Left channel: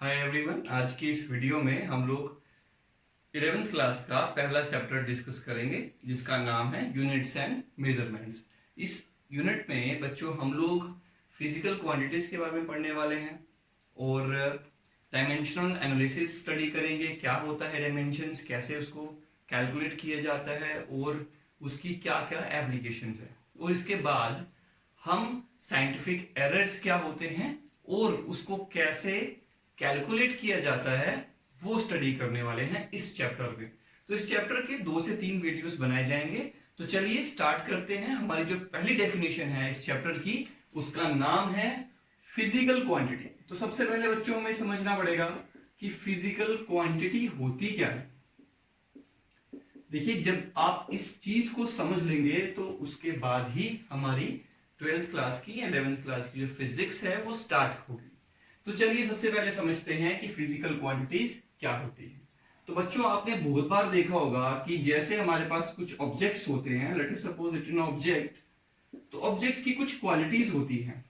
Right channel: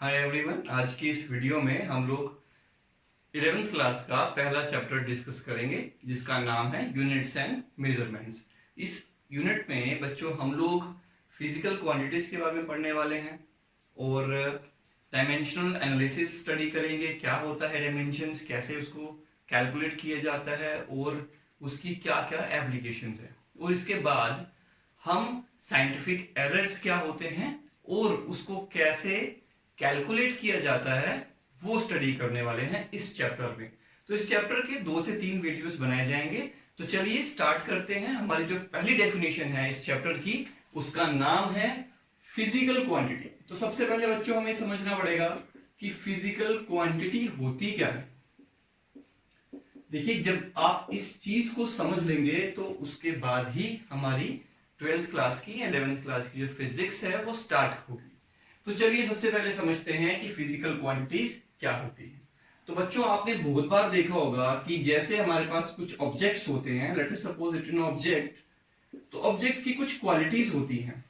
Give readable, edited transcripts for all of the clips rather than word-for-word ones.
Hi everyone, आज की इस वीडियो में हम लोग 11th क्लास का पहला चैप्टर डिस्कस करेंगे जिसका नाम है यूनिट्स एंड मेजरमेंट्स। इस यूनिट में बच्चों हम लोग फिजिकल क्वांटिटीज के बारे में पढ़ने वाले हैं और डायमेंशनल एनालिसिस स्टडी करेंगे। क्या होता है डायमेंशंस, कैसे उसको कैलकुलेट किया जाता है और उसकी क्या क्या एप्लीकेशंस है। और इसके बाद हम साइंटिफिक एरर्स क्या होते हैं और उसको कैसे कैलकुलेट किया जाता है वो स्टडी करने वाले हैं इस चैप्टर में। तो इस चैप्टर के 2 से 3 वीडियोस बनाए जाएंगे। तो चलिए स्टार्ट करते हैं। हमारी जो पहली डेफिनेशन है इस चैप्टर की, उसका नाम है फिजिकल क्वांटिटी। तो सबसे पहले बच्चों हमें समझना पड़ेगा कि फिजिकल क्वांटिटी होती क्या है। देखिए, जब आप इस चीज को समझ लेंगे तो उसके बाद ही हमारी 12th क्लास की या 11th क्लास की जो फिजिक्स है वो स्टार्ट होगी। तो चलिए सबसे पहले समझते हैं कि फिजिकल क्वांटिटीज क्या होती है। तो बच्चों, आपने बहुत बार देखा होगा कि जैसे हमारे पास कुछ ऑब्जेक्ट्स होते हैं, let us suppose it an object, तो ऑब्जेक्ट की कुछ क्वालिटीज होती हैं।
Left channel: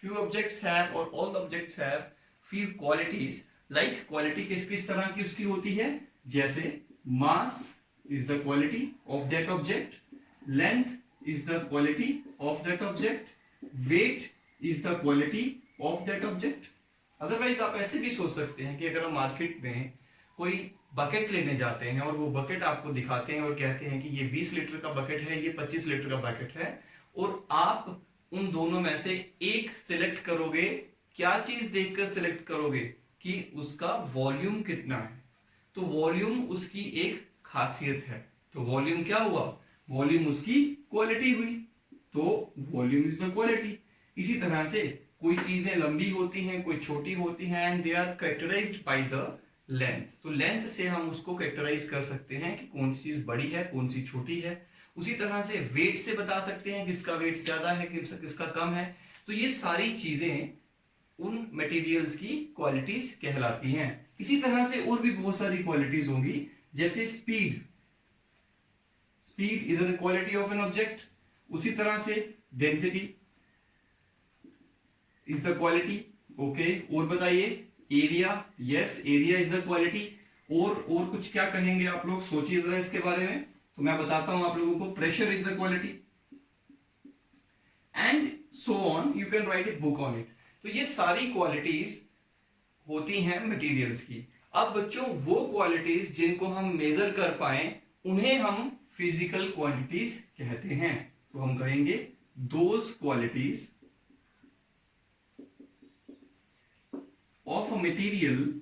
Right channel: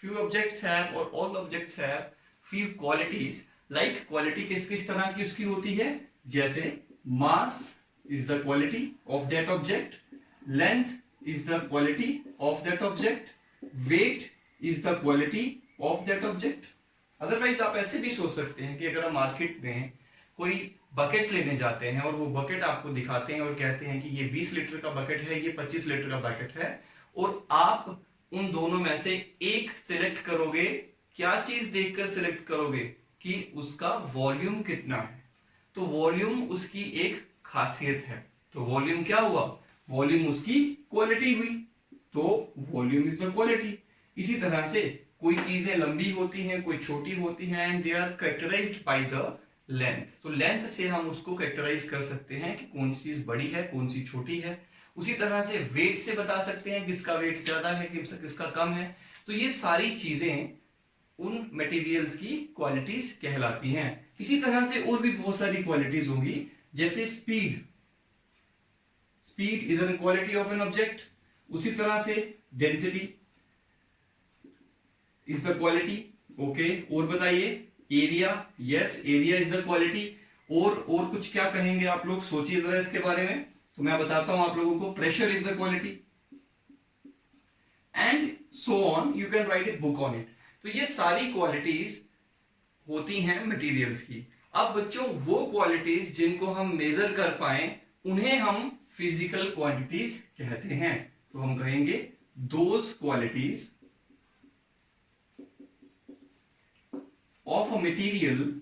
फ्यू ऑब्जेक्ट्स हैव और all objects have few qualities. Like quality किस किस तरह की उसकी होती है, जैसे मास is the quality of that object, length is the quality of that object, weight is the quality of that object। Otherwise आप ऐसे भी सोच सकते हैं कि अगर हम मार्केट में कोई बकेट लेने जाते हैं और वो बकेट आपको दिखाते हैं और कहते हैं कि ये 20 लीटर का बकेट है, ये 25 लीटर का बकेट है, और आप उन दोनों में से एक सिलेक्ट करोगे, क्या चीज देखकर सिलेक्ट करोगे कि उसका वॉल्यूम कितना है। तो वॉल्यूम उसकी एक खासियत है। तो वॉल्यूम क्या हुआ, वॉल्यूम उसकी क्वालिटी हुई। तो वॉल्यूम इज द क्वालिटी। इसी तरह से कोई चीजें लंबी होती हैं, कोई छोटी होती हैं, and they are characterized by the length. तो लेंथ से हम उसको कैरेक्टराइज कर सकते हैं कि कौन सी चीज बड़ी है, कौन सी छोटी है। उसी तरह से वेट से बता सकते हैं किसका वेट ज्यादा है, किसका कम है। तो ये सारी चीजें उन मटेरियल्स की क्वालिटीज कहलाती हैं। इसी तरह से और भी बहुत सारी क्वालिटीज होंगी, जैसे speed. Speed is an quality of an object. उसी तरह से density is the quality. Okay, और बताइए, area, yes area is the quality. और कुछ क्या कहेंगे आप लोग, सोचिए जरा इसके बारे में। तो मैं बताता हूं आप लोगों को, pressure is the quality, and so on, you can write a book on it. तो ये सारी क्वालिटीज होती हैं मटेरियल्स की। अब बच्चों, वो क्वालिटीज जिनको हम मेजर कर पाए उन्हें हम फिजिकल क्वांटिटीज कहते हैं। तो हम कहेंगे those qualities of a material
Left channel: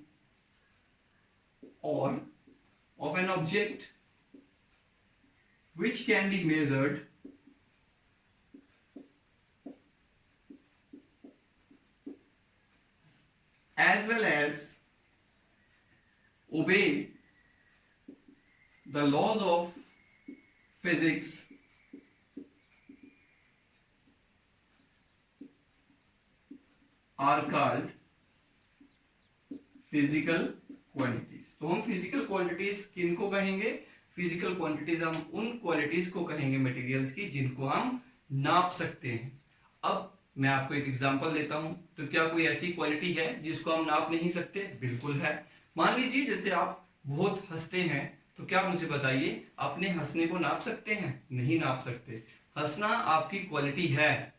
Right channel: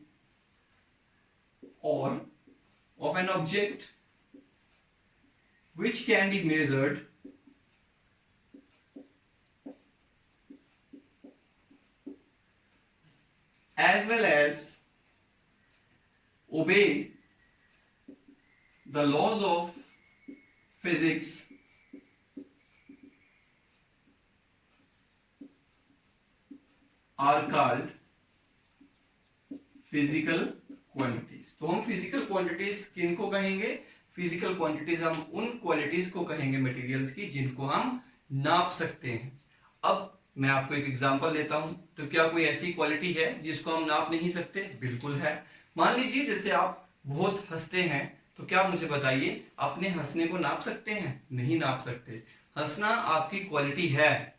और of an object which can be measured as well as obey the laws of physics are called physical quantities। तो हम फिजिकल क्वांटिटीज किनको कहेंगे, फिजिकल क्वांटिटीज हम उन क्वालिटीज को कहेंगे मटेरियल्स की जिनको हम नाप सकते हैं। अब मैं आपको एक एग्जांपल देता हूं। तो क्या कोई ऐसी क्वालिटी है जिसको हम नाप नहीं सकते? बिल्कुल है। मान लीजिए जैसे आप बहुत हंसते हैं, तो क्या मुझे बताइए, अपने हंसने को नाप सकते हैं? नहीं नाप सकते। हंसना आपकी क्वालिटी है,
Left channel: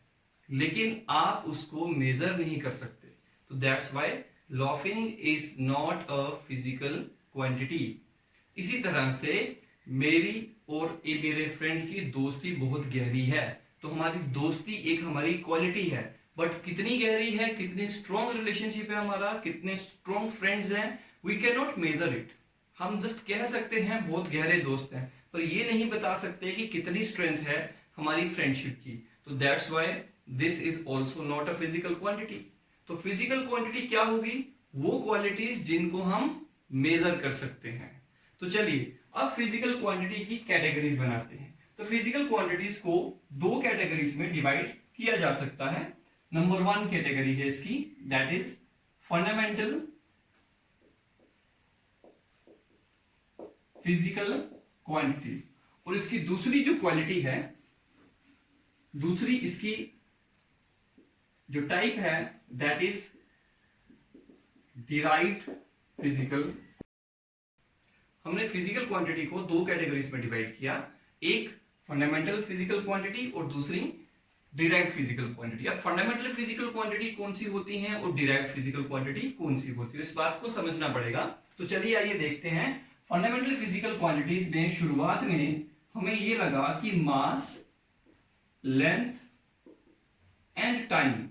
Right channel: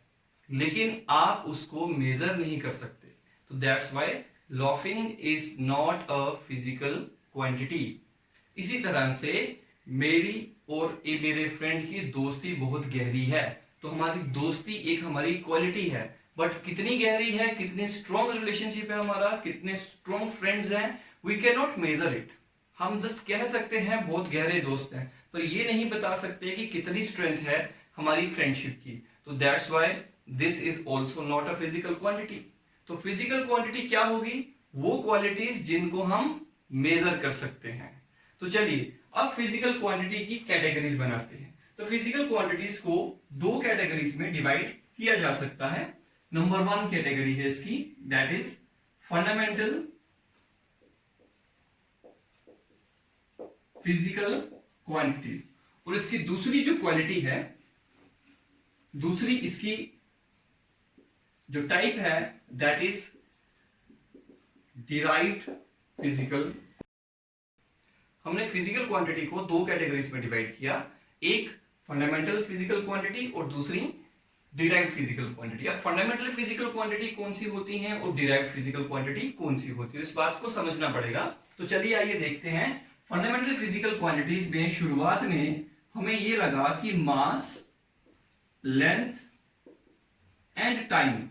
लेकिन आप उसको मेजर नहीं कर सकते। तो that's why laughing is not a physical quantity. इसी तरह से मेरी और मेरे फ्रेंड की दोस्ती बहुत गहरी है। तो हमारी दोस्ती एक हमारी क्वालिटी है, बट कितनी गहरी है, कितनी स्ट्रॉन्ग रिलेशनशिप है हमारा, कितने स्ट्रॉन्ग फ्रेंड्स हैं, we can not measure it. हम जस्ट कह सकते हैं बहुत गहरे दोस्त हैं, पर ये नहीं बता सकते कि कितनी स्ट्रेंथ है हमारी फ्रेंडशिप की। तो that's why this is also not a physical quantity. तो फिजिकल क्वांटिटी क्या होगी, वो क्वालिटीज जिनको हम मेजर कर सकते हैं। तो चलिए अब फिजिकल क्वांटिटी की कैटेगरीज बनाते हैं। तो फिजिकल क्वांटिटीज को दो कैटेगरीज में डिवाइड किया जा सकता है। नंबर 1 कैटेगरी है इसकी, that is fundamental physical quantities. और इसकी दूसरी जो क्वालिटी है, दूसरी इसकी जो टाइप है, दैट इज डिराइव्ड फिजिकल, हमने फिजिकल क्वांटिटी को दो कैटेगरीज में डिवाइड किया, एक फंडामेंटल फिजिकल क्वांटिटी और दूसरी डिराइव्ड फिजिकल क्वांटिटी। अब फंडामेंटल फिजिकल क्वांटिटी कौन सी होती है और डिराइव्ड फिजिकल क्वांटिटी कौन सी होती है, इस बात को समझना पड़ेगा। तो चलिए आइए देखते हैं। फंडामेंटल फिजिकल क्वांटिटीज में शुरुआत में हमें यह लगा कि मास, लेंथ एंड टाइम,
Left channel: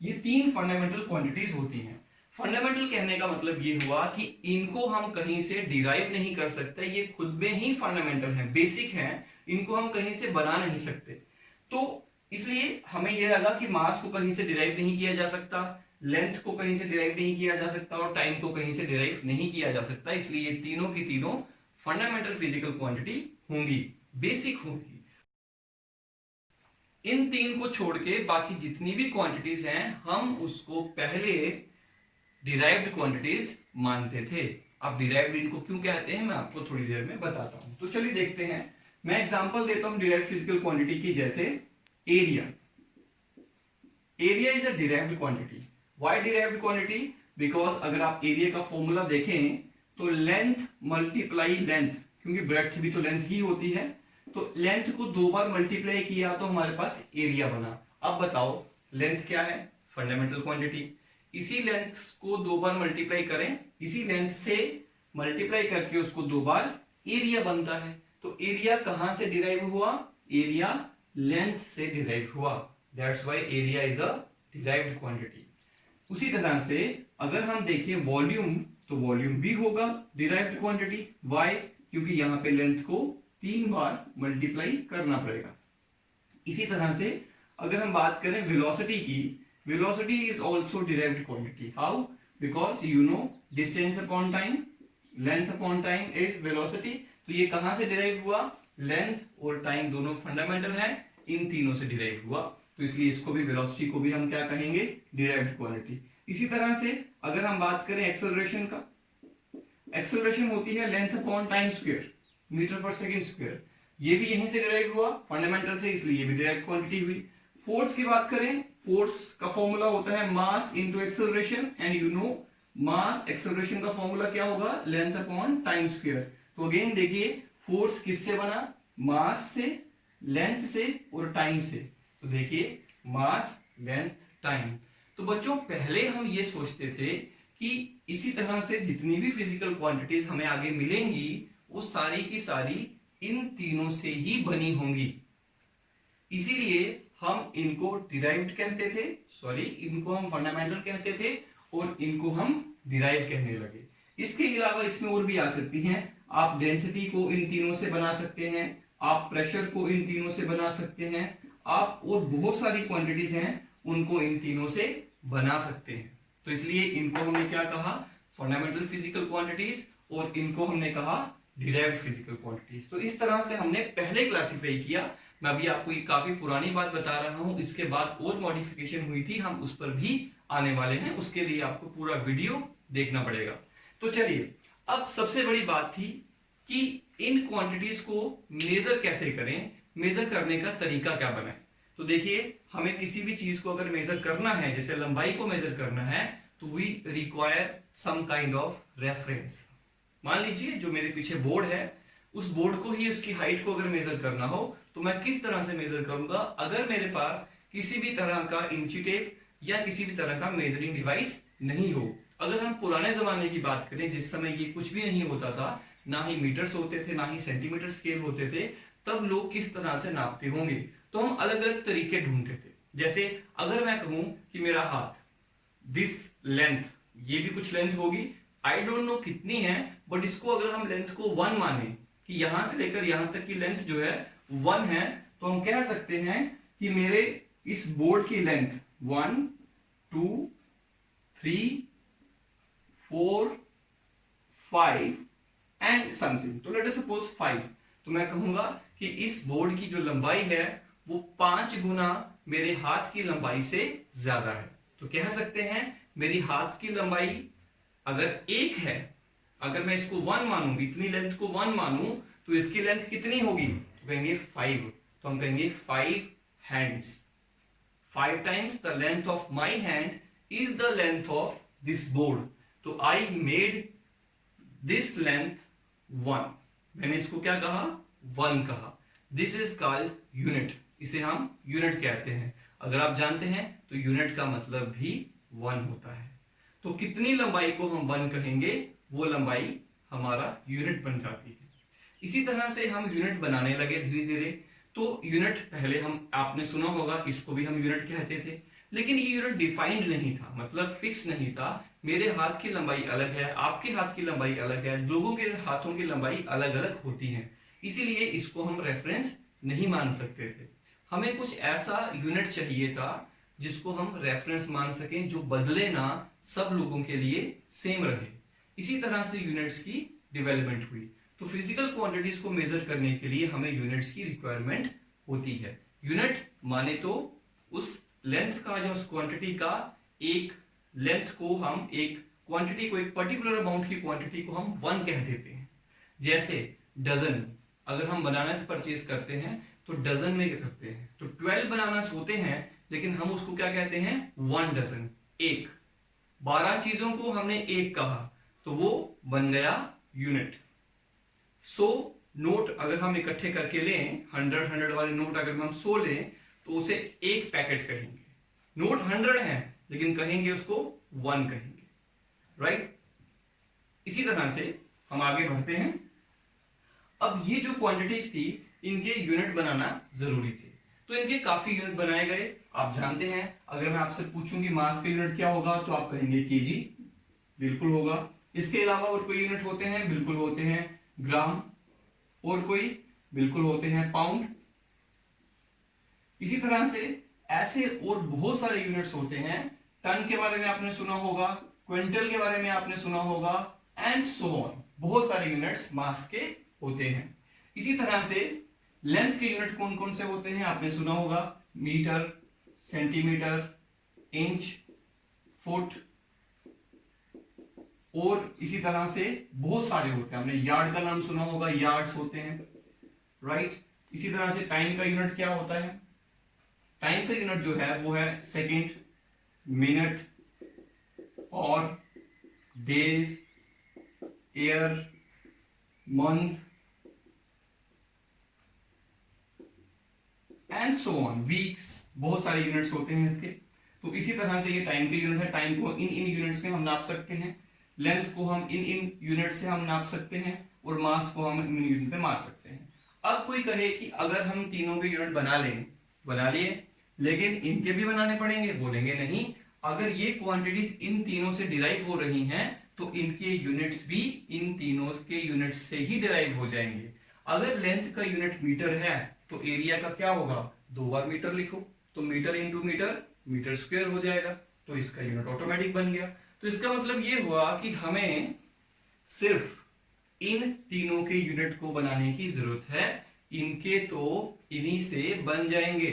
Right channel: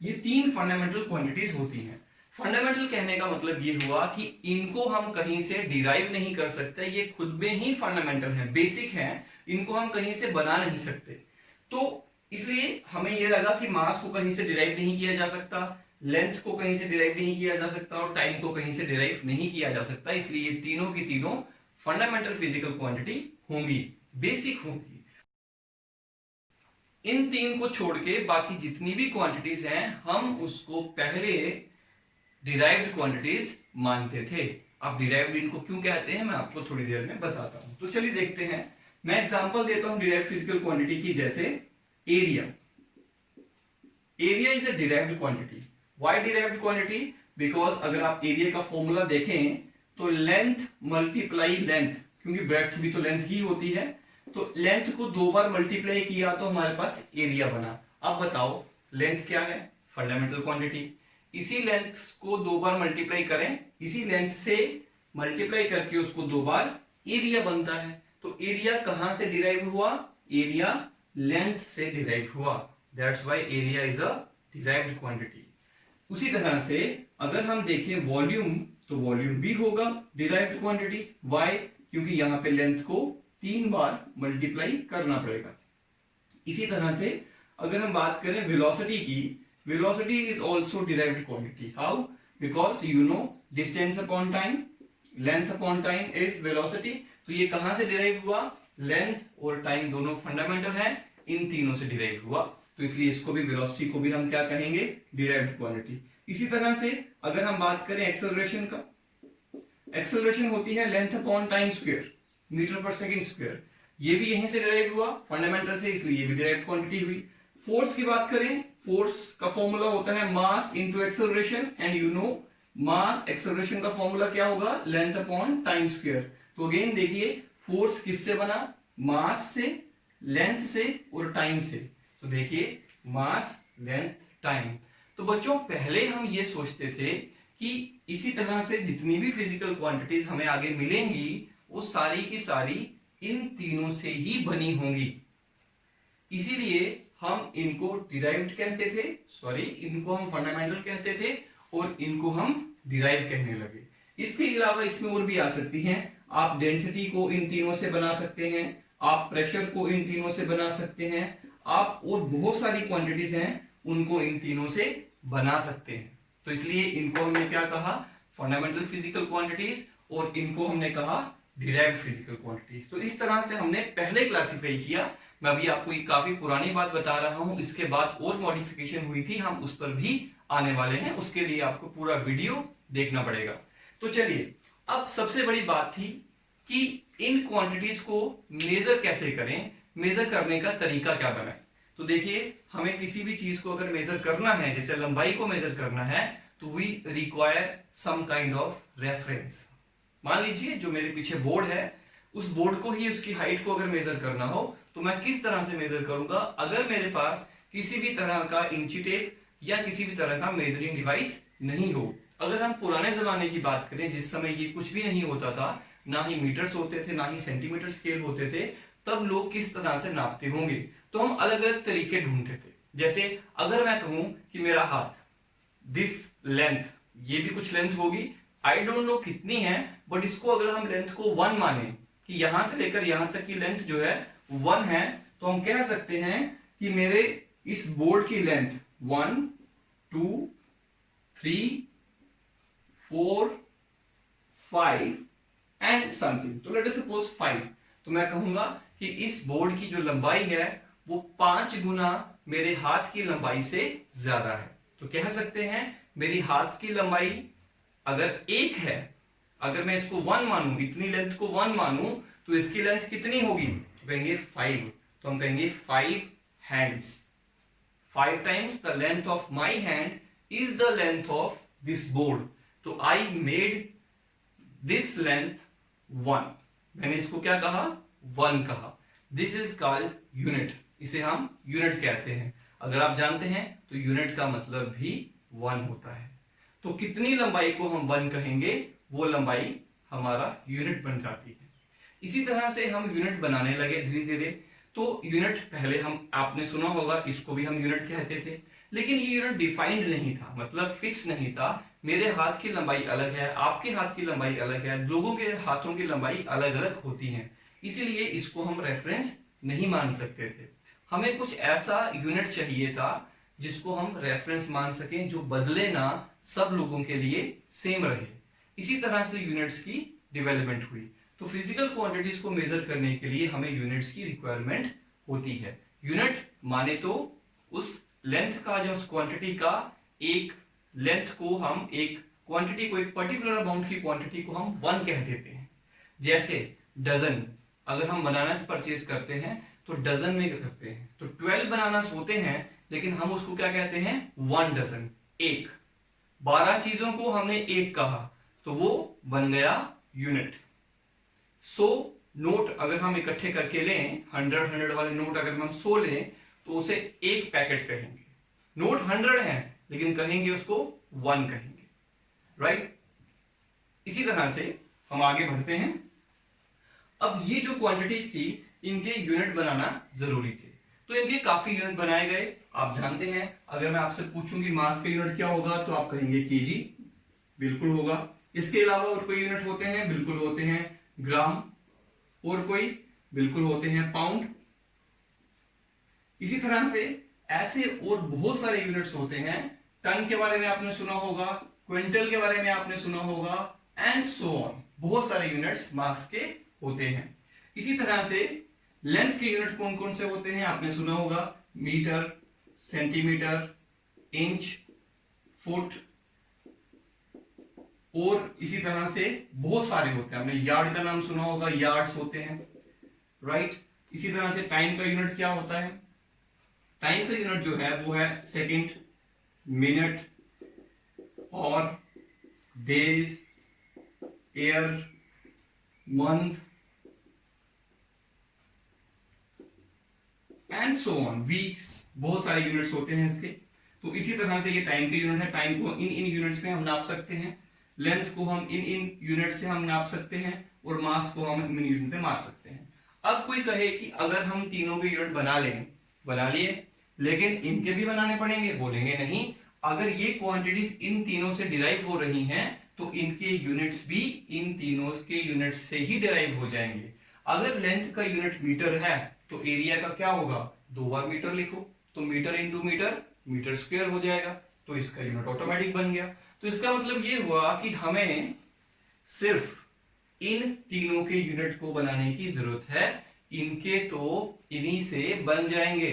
ये तीन फंडामेंटल क्वांटिटीज होती हैं। फंडामेंटल कहने का मतलब ये हुआ कि इनको हम कहीं से डिराइव नहीं कर सकते, ये खुद में ही फंडामेंटल है, बेसिक है, इनको हम कहीं से बना नहीं सकते। तो इसलिए हमें यह लगा कि मास को कहीं से डिराइव नहीं किया जा सकता, लेंथ को कहीं से डिराइव नहीं किया जा सकता और टाइम को कहीं से डिराइव नहीं किया जा सकता। इसलिए ये तीनों की तीनों फंडामेंटल फिजिकल क्वांटिटी होंगी, बेसिक होंगी। इन तीन को छोड़ के बाकी जितनी भी क्वांटिटीज हैं हम उसको पहले डिराइव्ड क्वांटिटीज मानते थे। अब डिराइव्ड इनको क्यों कहते हैं मैं आपको थोड़ी देर में बताता हूं। तो चलिए देखते हैं, मैं एग्जांपल देता हूं डिराइव्ड फिजिकल क्वांटिटी की, जैसे area. Area is a derived quantity. Why derived quantity? Because अगर आप एरिया का फॉर्मूला देखें तो लेंथ मल्टीप्लाई लेंथ, क्योंकि ब्रेड्थ भी तो लेंथ ही होती है, तो लेंथ को दो बार मल्टीप्लाई किया तो हमारे पास एरिया बना। अब बताओ लेंथ क्या है? Fundamental quantity. इसी लेंथ को दो बार मल्टीप्लाई करें, इसी लेंथ से मल्टीप्लाई करके उसको दो बार एरिया बनता है। तो एरिया कहां से डिराइव हुआ? एरिया लेंथ से डिराइव हुआ। That's why area is a derived quantity. उसी तरह से अगर हम देखें वॉल्यूम, तो वॉल्यूम भी होगा डिराइव्ड क्वांटिटी। व्हाई? क्योंकि यहां पे लेंथ को तीन बार मल्टीप्लाई करना पड़ेगा। इसी तरह से अगर हम बात करें वेलोसिटी की, velocity is also derived quantity. How? Because you know distance upon time, length upon time is velocity. तो ये कहां से डिराइव हुआ? लेंथ और टाइम दोनों फंडामेंटल है, इन तीनों से डिराइव हुआ। तो इसलिए इसको भी, वेलोसिटी को भी हम क्या कहेंगे? Derived quantity. इसी तरह से अगर हम बात करें एक्सेलरेशन का, एक्सेलरेशन होती है length upon time square, metre पर सेकंड स्क्वायर। ये भी यहीं से डिराइव हुआ फंडामेंटल से, इसलिए ये भी डिराइव्ड क्वांटिटी हुई। फोर्स की बात करें, फोर्स का फॉर्मूला होता है mass into acceleration, and you know mass acceleration का फॉर्मूला क्या होगा? Length upon time square. तो अगेन देखिए फोर्स किससे बना? मास से, लेंथ से और टाइम से। तो देखिए मास, लेंथ, टाइम। तो बच्चों पहले हम ये सोचते थे कि इसी तरह से जितनी भी फिजिकल क्वांटिटीज हमें आगे मिलेंगी वो सारी की सारी इन तीनों से ही बनी होंगी, इसीलिए हम इनको डिराइव्ड कहते थे, सॉरी इनको हम फंडामेंटल कहते थे और इनको हम डिराइव कहने लगे। इसके अलावा इसमें और भी आ सकती हैं। आप डेंसिटी को इन तीनों से बना सकते हैं, आप प्रेशर को इन तीनों से बना सकते हैं, आप और बहुत सारी क्वांटिटीज हैं उनको इन तीनों से बना सकते हैं। तो इसलिए इनको हमने क्या कहा? फंडामेंटल फिजिकल क्वांटिटीज, और इनको हमने कहा डिराइव्ड फिजिकल क्वांटिटीज। तो इस तरह से हमने पहले क्लासिफाई किया। मैं अभी आपको ये काफी पुरानी बात बता रहा हूं, इसके बाद और मॉडिफिकेशन हुई थी, हम उस पर भी आने वाले हैं, उसके लिए आपको पूरा वीडियो देखना पड़ेगा। तो चलिए अब सबसे बड़ी बात थी कि इन क्वांटिटीज को मेजर कैसे करें, मेजर करने का तरीका क्या बनाए। तो देखिए हमें किसी भी चीज को अगर मेजर करना है, जैसे लंबाई को मेजर करना है, तो we require some kind of reference. मान लीजिए जो मेरे पीछे बोर्ड है, उस बोर्ड को ही उसकी हाइट को अगर मेजर करना हो तो मैं किस तरह से मेजर करूंगा? अगर मेरे पास किसी भी तरह का इंची टेप या किसी भी तरह का मेजरिंग डिवाइस नहीं हो। अगर हम पुराने जमाने की बात करें, जिस समय ये कुछ भी नहीं होता था, ना ही मीटर्स होते थे, ना ही सेंटीमीटर स्केल होते थे, तब लोग किस तरह से नापते होंगे? तो हम अलग अलग तरीके ढूंढते थे। जैसे अगर मैं कहूं कि मेरा हाथ, दिस लेंथ, ये भी कुछ लेंथ होगी, आई डोंट नो कितनी है, बट इसको अगर हम लेंथ को 1 माने कि यहां से लेकर यहां तक की लेंथ जो है 1 है, तो हम कह सकते हैं कि मेरे इस बोर्ड की लेंथ 1 2 3 4 5 एंड समथिंग। तो लेट अस सपोज 5। तो मैं कहूंगा कि इस बोर्ड की जो लंबाई है वो 5 गुना मेरे हाथ की लंबाई से ज्यादा है। तो कह सकते हैं मेरी हाथ की लंबाई अगर 1 है, अगर मैं इसको 1 मानूं, इतनी लेंथ को 1 मानूं, तो इसकी लेंथ कितनी होगी? तो कहेंगे 5। तो हम कहेंगे 5 hands. 5 times the length of my hand is the length of this board. तो आई मेड दिस लेंथ 1, मैंने इसको क्या कहा, 1 कहा। दिस इज कॉल्ड यूनिट, इसे हम यूनिट कहते हैं। अगर आप जानते हैं तो यूनिट का मतलब भी 1 होता है। तो कितनी लंबाई को हम 1 कहेंगे, वो लंबाई हमारा यूनिट बन जाती है। इसी तरह से हम यूनिट बनाने लगे धीरे धीरे। तो यूनिट पहले हम, आपने सुना होगा, इसको भी हम यूनिट कहते थे, लेकिन ये यूनिट डिफाइंड नहीं था, मतलब फिक्स नहीं था। मेरे हाथ की लंबाई अलग है, आपके हाथ की लंबाई अलग है, लोगों के हाथों की लंबाई अलग अलग होती है, इसीलिए इसको हम रेफरेंस नहीं मान सकते थे। हमें कुछ ऐसा यूनिट चाहिए था जिसको हम रेफरेंस मान सकें, जो बदले ना, सब लोगों के लिए सेम रहे। इसी तरह से यूनिट्स की डेवलपमेंट हुई। तो फिजिकल क्वांटिटीज को मेजर करने के लिए हमें यूनिट्स की रिक्वायरमेंट होती है। यूनिट माने तो उस लेंथ का, जो उस क्वांटिटी का, एक लेंथ को हम, एक क्वांटिटी को, एक पर्टिकुलर अमाउंट की क्वांटिटी को हम 1 कह देते हैं। जैसे डजन, अगर हम बनानास परचेज करते हैं तो डजन में क्या करते हैं, तो 12 बनानास होते हैं, लेकिन हम उसको क्या कहते हैं, 1 डजन, एक। 12 चीजों को हमने एक कहा तो वो बन गया यूनिट। 100 नोट अगर हम इकट्ठे करके लें, 100 वाले नोट अगर हम 100 लें तो उसे एक पैकेट कहेंगे। नोट 100 है लेकिन कहेंगे उसको 1 कहेंगे, राइट। इसी तरह से हम आगे बढ़ते हैं। अब ये जो क्वांटिटीज थी, इनके यूनिट बनाना जरूरी थे, तो इनके काफी यूनिट बनाए गए। आप जानते हैं, अगर मैं आपसे पूछूं कि मास का यूनिट क्या होगा तो आप कहेंगे केजी, बिल्कुल होगा। इसके अलावा और कोई यूनिट होते हैं, बिल्कुल होते हैं। ग्राम, और कोई, बिल्कुल होते हैं पाउंड। इसी तरह से ऐसे और बहुत सारे यूनिट्स होते हैं। टन के बारे में आपने सुना होगा, क्विंटल के बारे में आपने सुना होगा, एंड सो ऑन। बहुत सारे यूनिट्स मास के होते हैं। इसी तरह से लेंथ के यूनिट कौन कौन से होते हैं आपने सुना होगा, मीटर, सेंटीमीटर, इंच, फुट, और इसी तरह से बहुत सारे होते हैं। हमने यार्ड का नाम सुना होगा, यार्ड्स होते हैं, राइट। इसी तरह से टाइम का यूनिट क्या होता है, टाइम का यूनिट जो है वो है सेकंड, मिनट, और days, year, month, and so on, weeks. बहुत सारे यूनिट्स होते हैं इसके। तो इसी तरह से ये टाइम के यूनिट है। टाइम को इन यूनिट्स में हम नाप सकते हैं, लेंथ को हम इन यूनिट से हम नाप सकते हैं, और मास को हम इन यूनिट में माप सकते हैं। अब कोई कहे कि अगर हम तीनों के यूनिट बना लिए, लेकिन इनके भी बनाने पड़ेंगे, बोलेंगे नहीं। अगर ये क्वांटिटीज इन तीनों से डिराइव हो रही हैं तो इनके यूनिट्स भी इन तीनों के यूनिट्स से ही डिराइव हो जाएंगे। अगर लेंथ का यूनिट मीटर है तो एरिया का क्या होगा, 2 बार मीटर लिखो, तो metre into metre, metre square हो जाएगा, तो इसका यूनिट ऑटोमेटिक बन गया। तो इसका मतलब ये हुआ कि हमें सिर्फ इन तीनों के यूनिट को बनाने की जरूरत है, इनके तो इन्हीं से बन जाएंगे।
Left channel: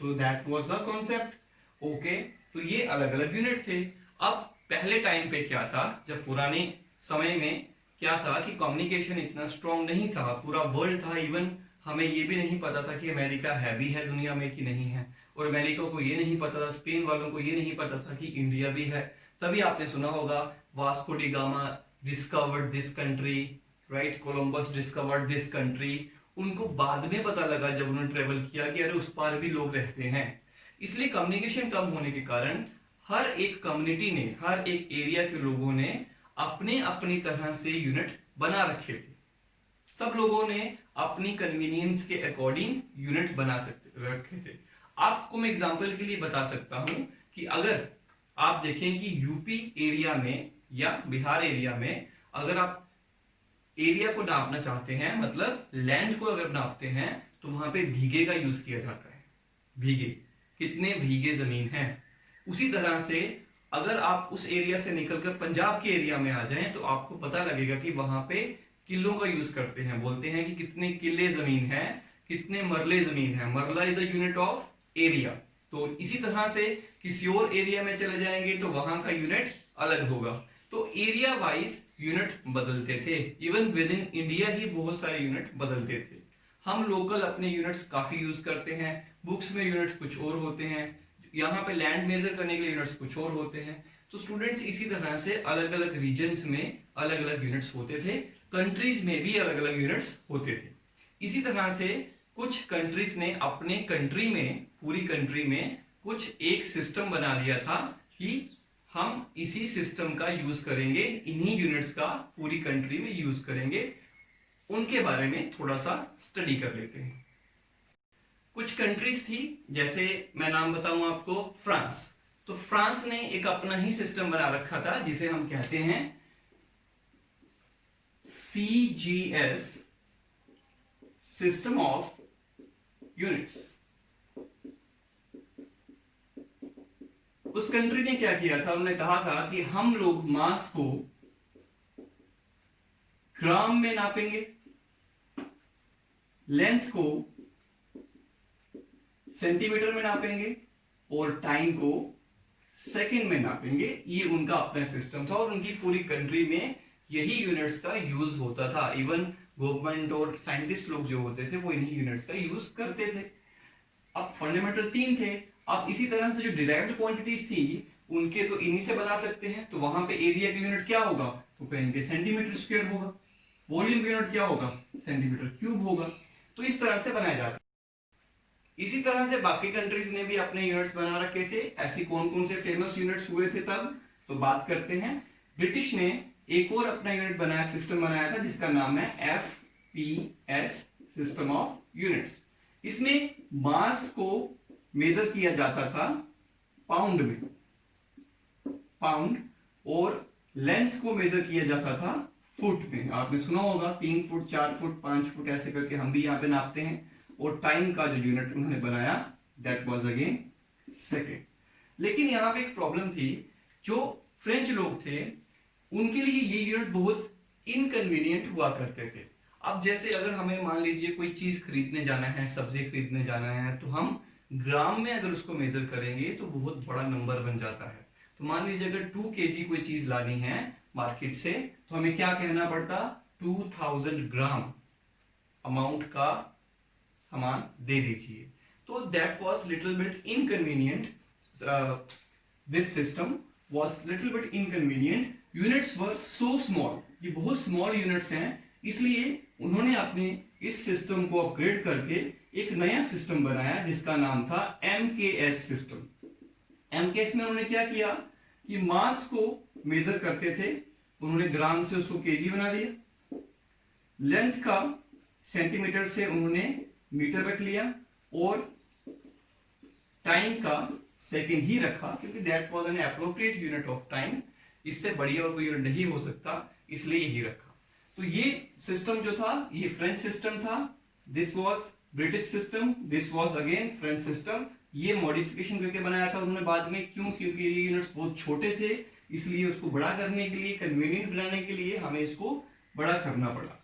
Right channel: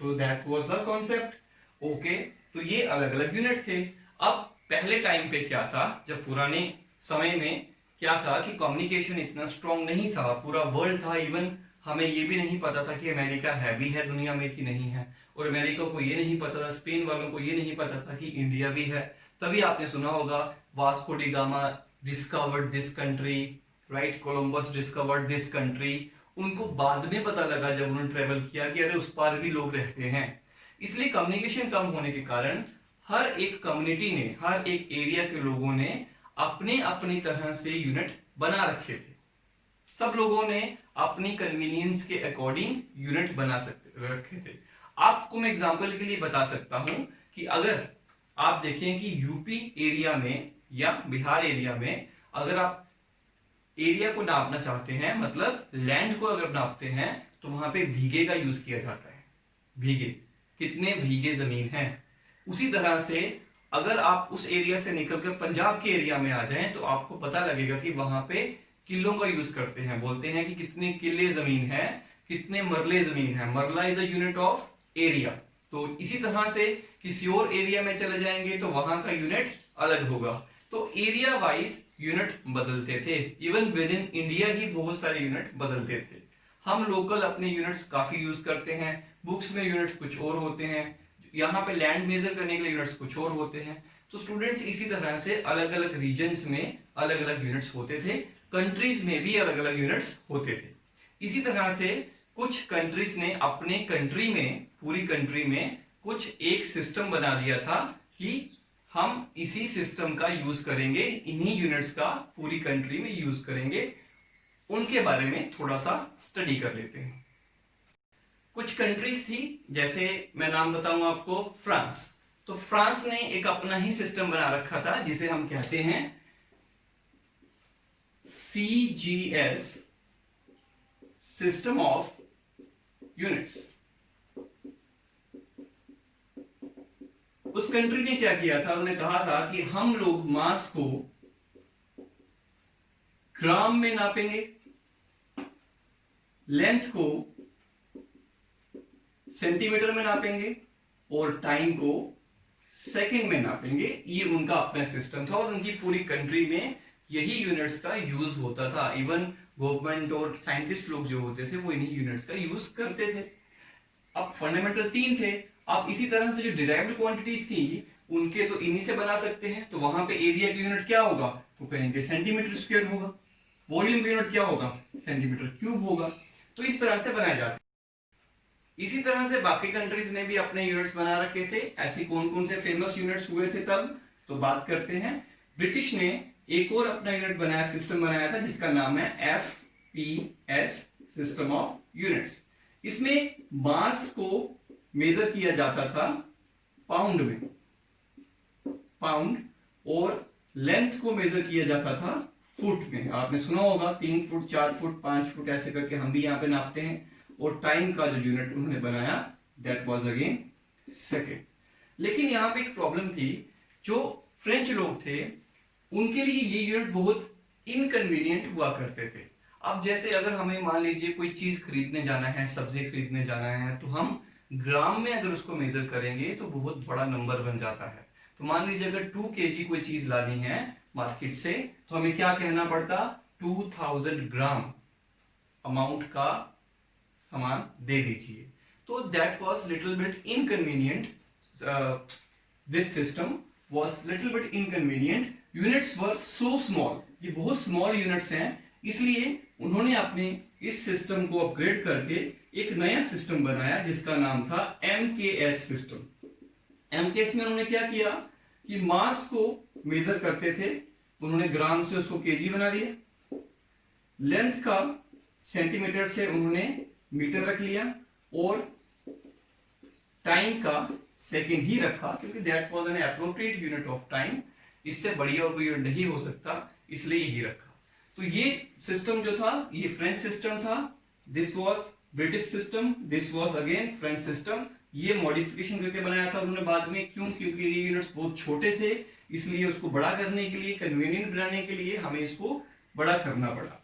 तो that was the concept. Okay, तो ये अलग अलग यूनिट थे। अब पहले टाइम पे क्या था, जब पुराने समय में क्या था कि कम्युनिकेशन इतना स्ट्रांग नहीं था, पूरा वर्ल्ड था, इवन हमें ये भी नहीं पता था कि अमेरिका है भी है दुनिया में कि नहीं है, और अमेरिका को ये नहीं पता था, स्पेन वालों को ये नहीं पता था कि इंडिया भी है। तभी आपने सुना होगा Vasco D gamma discovered this country, right, Columbus discovered this country. उनको बाद में पता लगा जब उन्होंने ट्रेवल किया कि अरे उस पार भी लोग रहते हैं। इसलिए कम्युनिकेशन कम होने के कारण हर एक कम्युनिटी ने, हर एक एरिया के लोगों ने अपने अपनी तरह से यूनिट बना रखे थे। सब लोगों ने अपनी कन्वीनियंस के अकॉर्डिंग यूनिट बना सकते रखे थे। आपको मैं एग्जांपल के लिए बता सकता हूं कि अगर आप देखें कि यूपी एरिया में या बिहार एरिया में अगर आप एरिया को नापना चाहते हैं, मतलब लैंड को अगर नापते हैं, तो वहां पे बीघे का यूज किया जाता है। बीघे, कितने बीघे जमीन है। उसी तरह से अगर आप उस एरिया से निकलकर पंजाब के एरिया में आ जाएं तो आपको पता लगेगा कि वहां पे किलों का यूज करते हैं। बोलते हैं कि कितने किले जमीन है, कितने मरले जमीन है। मरला is the unit of area. तो इसी तरह से किसी और एरिया में चले जाएंगे तो वहां का यूनिट अलग होगा। तो एरिया वाइज यूनिट बदलते थे। इवन विद इन इंडिया ही बहुत सारे यूनिट बदलते थे। हम लोकल अपने यूनिट्स काफी यूज करते हैं, बुक्स में यूनिट्स कुछ और होते हैं, यहाँ पे लैंड मेजर करने के लिए यूनिट्स कुछ और होते हैं। तो स्टूडेंट्स इसी तरह से अलग अलग रीजन्स में अलग अलग यूनिट्स होते थे, कंट्रीज में भी अलग अलग यूनिट्स होते थे। इसी तरह से कुछ कंट्रीज ने अपने कंट्री में, पूरी कंट्री में कुछ एक सिस्टम बना दिया था कि हम इसी सिस्टम का यूज करेंगे, इन्हीं यूनिट्स का पूरी कंट्री में यूज करेंगे। उनके बारे में थोड़ा सा स्टडी कर लेते हैं। कुछ कंट्रीज थी, जैसे मैं नाम बताऊं आपको, फ्रांस। तो फ्रांस ने एक अपना ही सिस्टम बना रखा था जिसे हम कहते हैं CGS, सिस्टम ऑफ यूनिट्स। उस कंट्री ने क्या किया था, उन्होंने कहा था कि हम लोग मास को ग्राम में नापेंगे, लेंथ को सेंटीमीटर में नापेंगे और टाइम को सेकंड में नापेंगे। ये उनका अपना सिस्टम था और उनकी पूरी कंट्री में यही यूनिट्स का यूज होता था। इवन गवर्नमेंट और साइंटिस्ट लोग जो होते थे वो इन्हीं यूनिट्स का यूज करते थे। अब फंडामेंटल 3 थे। अब इसी तरह से जो डिराइव्ड क्वांटिटीज थी उनके तो इन्हीं से बना सकते हैं। तो वहां पे एरिया की यूनिट क्या होगा, तो कहेंगे सेंटीमीटर स्क्वायर होगा। वॉल्यूम की यूनिट क्या होगा, सेंटीमीटर क्यूब होगा। तो इस तरह से बनाए जाते। इसी तरह से बाकी कंट्रीज ने भी अपने यूनिट्स बना रखे थे। ऐसी कौन कौन से फेमस यूनिट्स हुए थे तब, तो बात करते हैं। ब्रिटिश ने एक और अपना यूनिट बनाया, सिस्टम बनाया था जिसका नाम है FPS, सिस्टम ऑफ यूनिट्स। इसमें मास को मेजर किया जाता था पाउंड में, पाउंड, और लेंथ को मेजर किया जाता था फुट में। आपने सुना होगा 3 फुट, 4 फुट, 5 फुट ऐसे करके हम भी यहाँ पे नापते हैं। और टाइम का जो यूनिट उन्होंने बनाया दैट वाज अगेन सेकेंड। लेकिन यहां पे एक प्रॉब्लम थी, जो फ्रेंच लोग थे उनके लिए ये यूनिट बहुत इनकन्वीनियंट हुआ करते थे। अब जैसे अगर हमें मान लीजिए कोई चीज खरीदने जाना है, सब्जी खरीदने जाना है, तो हम ग्राम में अगर उसको मेजर करेंगे तो बहुत बड़ा नंबर बन जाता है। तो मान लीजिए अगर 2 kg कोई चीज लानी है मार्केट से, तो हमें क्या कहना पड़ता, 2000 ग्राम अमाउंट का सामान दे दीजिए। तो that was little bit inconvenient, this system was little bit inconvenient. Units were so small, ये बहुत स्मॉल यूनिट्स हैं, इसलिए उन्होंने अपने इस सिस्टम को अपग्रेड करके एक नया सिस्टम बनाया जिसका नाम था MKS सिस्टम। MKS में उन्होंने क्या किया कि मास को मेजर करते थे, उन्होंने ग्राम से उसको केजी बना दिया। लेंथ का सेंटीमीटर से उन्होंने मीटर रख लिया और टाइम का सेकंड ही रखा, क्योंकि that was an appropriate unit of time. इससे बढ़िया और कोई यूनिट नहीं हो सकता, इसलिए यही रखा। तो ये सिस्टम जो था ये फ्रेंच सिस्टम था। This was British system, this was again French system. ये मॉडिफिकेशन करके बनाया था उन्होंने बाद में। क्यों, क्योंकि ये यूनिट्स बहुत छोटे थे, इसलिए उसको बड़ा करने के लिए, कन्वीनियंट बनाने के लिए हमें इसको बड़ा करना पड़ा।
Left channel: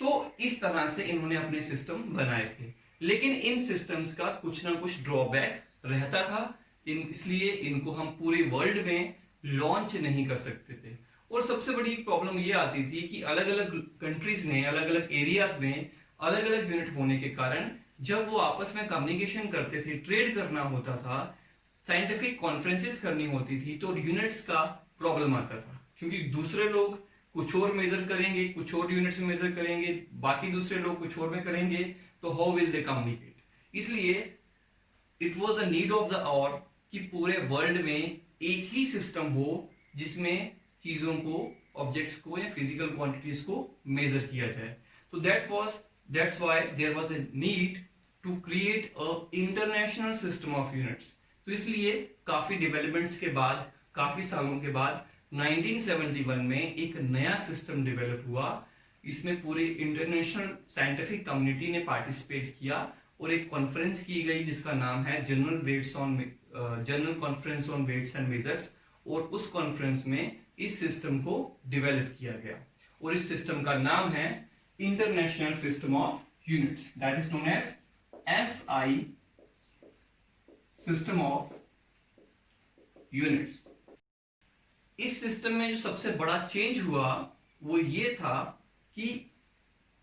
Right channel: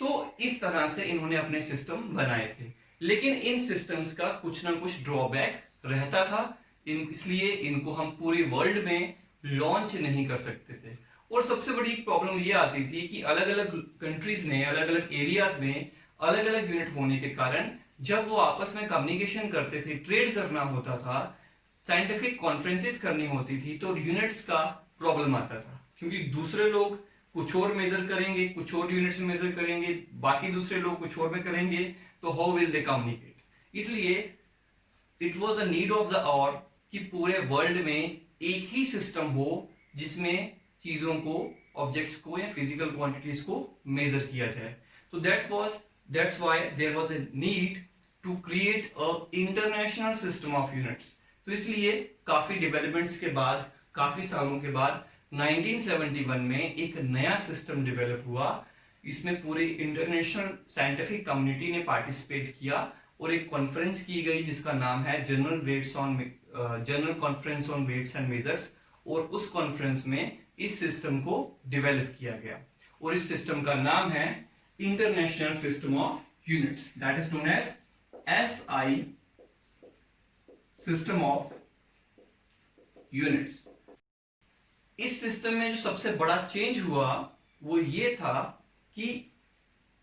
तो इस तरह से इन्होंने अपने सिस्टम बनाए थे। लेकिन इन सिस्टम्स का कुछ ना कुछ ड्रॉबैक रहता था, इसलिए इनको हम पूरे वर्ल्ड में लॉन्च नहीं कर सकते थे। और सबसे बड़ी प्रॉब्लम ये आती थी कि अलग अलग कंट्रीज ने अलग अलग एरियाज में अलग अलग यूनिट होने के कारण जब वो आपस में कम्युनिकेशन करते थे, ट्रेड करना होता था, साइंटिफिक कॉन्फ्रेंसेस करनी होती थी, तो यूनिट्स का प्रॉब्लम आता था। क्योंकि दूसरे लोग कुछ और मेजर करेंगे, कुछ और यूनिट्स में मेजर करेंगे, बाकी दूसरे लोग कुछ और में करेंगे, तो हाउ विल दे कम्युनिकेट। इसलिए it was a need of the hour कि पूरे वर्ल्ड में एक ही सिस्टम हो जिसमें चीजों को, ऑब्जेक्ट्स को या फिजिकल क्वांटिटीज को मेजर किया जाए। तो that's why there was a need to create a international system of units. तो इसलिए काफी डेवलपमेंट्स के बाद, काफी सालों के बाद 1971 में एक नया सिस्टम डेवलप हुआ। इसमें पूरे इंटरनेशनल साइंटिफिक कम्युनिटी ने पार्टिसिपेट किया और एक कॉन्फ्रेंस की गई जिसका नाम है general conference on weights and measures. और उस कॉन्फ्रेंस में इस सिस्टम को डेवलप किया गया और इस सिस्टम का नाम है international system of units, that is known as SI, system of units. इस सिस्टम में जो सबसे बड़ा चेंज हुआ वो ये था कि